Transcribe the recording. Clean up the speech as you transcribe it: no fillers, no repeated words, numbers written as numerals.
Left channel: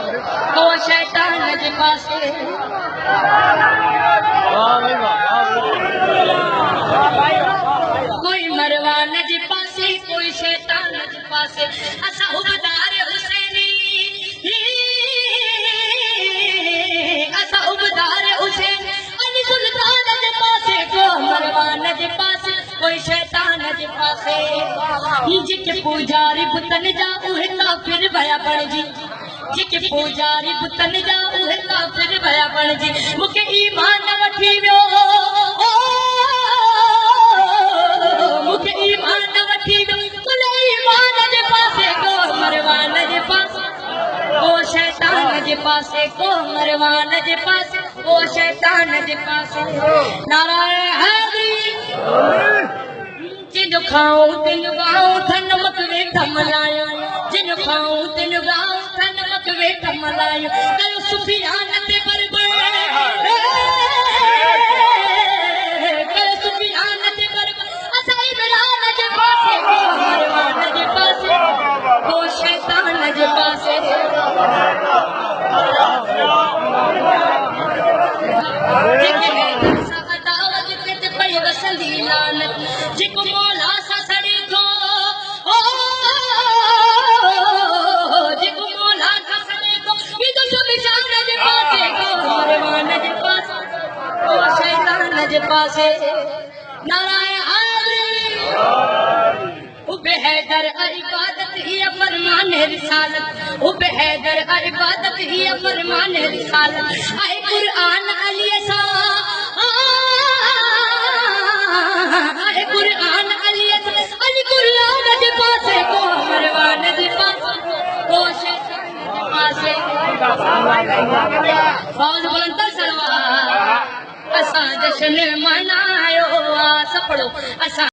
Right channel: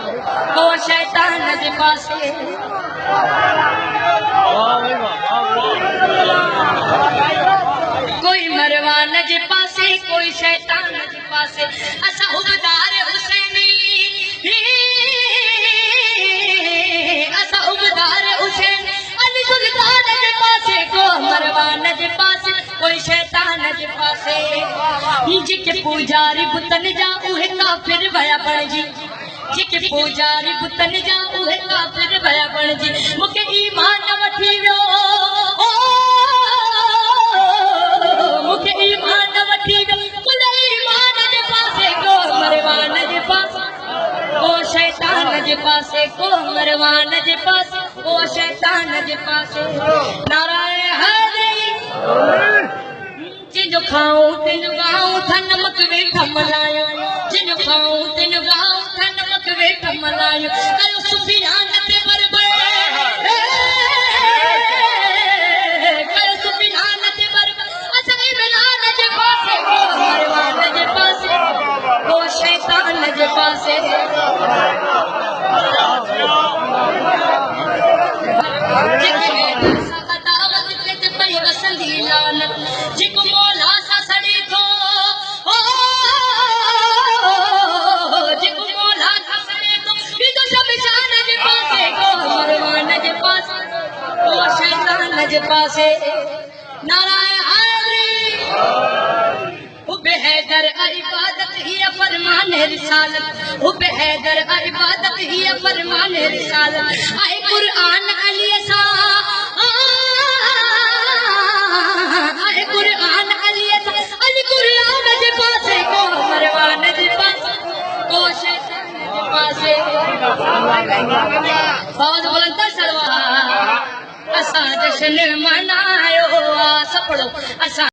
ओ शैतान जे पासे कोई मरवान जे पासे कोई शैतान जे पासे असा हुबदार हुसैनी असा हुबदार हुसैनी अली सुल्तान जे पासे को मरवान जे पासे कोई शैतान जे पासे जिके पूजारी बुतन जा उहे काफिर भया बणजी जिके पूजारी बुतन जा उहे काफिर भया बणजी मुके ईमान वठी वियो मुके ईमान वठी वियो कुल ईमान जे पासे को मरवान जे पासे को शैतान जे पासे को मरवान जे पासे को शैतान जे पासे नारायण हाज़िर जिन खाओ तिन गाओ नमक वेठा मलायो जिन खाओ तिन गाओ नमक वेठा मलायो कल सुफियान ते बरबर कल सुफियान ते बरबर असा इमरान जे पासे मरवान जे पासे को शैतान जे पासे जिको मौला सा सड़ी थो जिको मौला सा सड़ी थो तो सब शान जे पासे को मरवान जे पासे को शैतान जे पासे नारायण हाज़िर हुबे हैदर इबादत ही फरमान रिसालत हुबे हैदर इबादत ही फरमान रिसालत आए कुरान अली सा कुरान अली अली कुरान जे पासे को मरवान जे पासे को शैतान जे पासे बाज बुलंद सरवा असा जश्न मनायो सपड़ो असा